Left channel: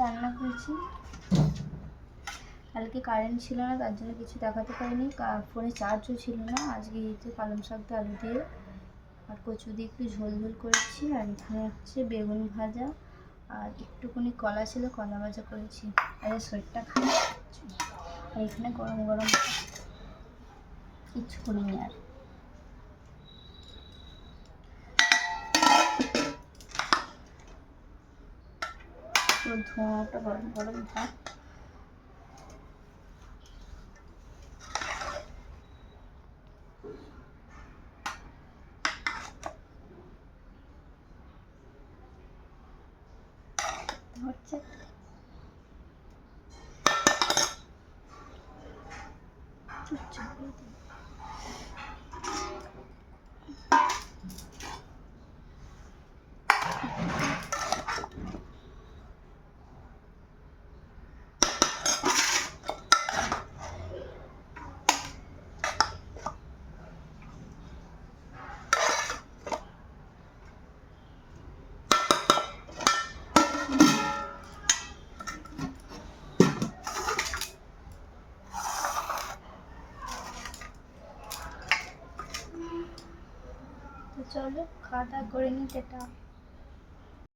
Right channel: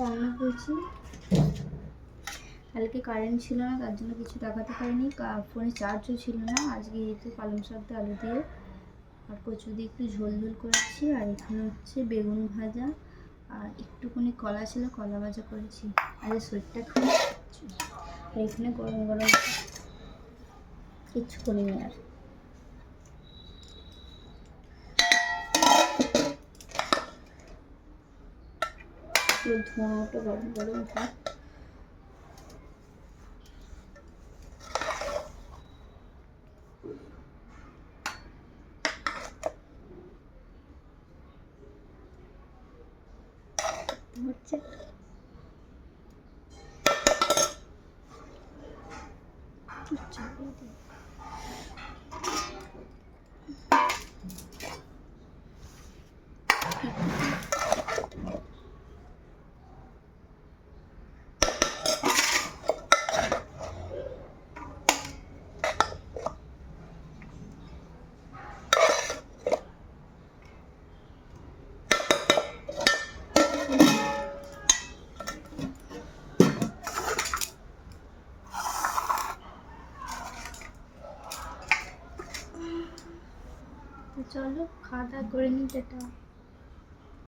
রান্না করেছি। কালকে কারেন্ট ছিল না, তার জন্য কিছু দেখাতে পারিনি, ফোনে চার্জও ছিল না। আজকে এতে পালং শাক দিয়ে আলু দিয়ে আর কচু দিয়ে একটু ঝোল ঝোল করেছি। আর এখানে হচ্ছে বেগুন ভাজা আর একটুখানি কলা ছিল, কলা ভাজা করেছি। আর এই শরীরটা খারাপ, আর এখানে গরম গরম কিচ্ছু করিনি। আর পুরো ধোঁয়াটা গরম গরম ভাত। হচ্ছে চলো খাওয়া দাওয়া করে নিই, টাটা।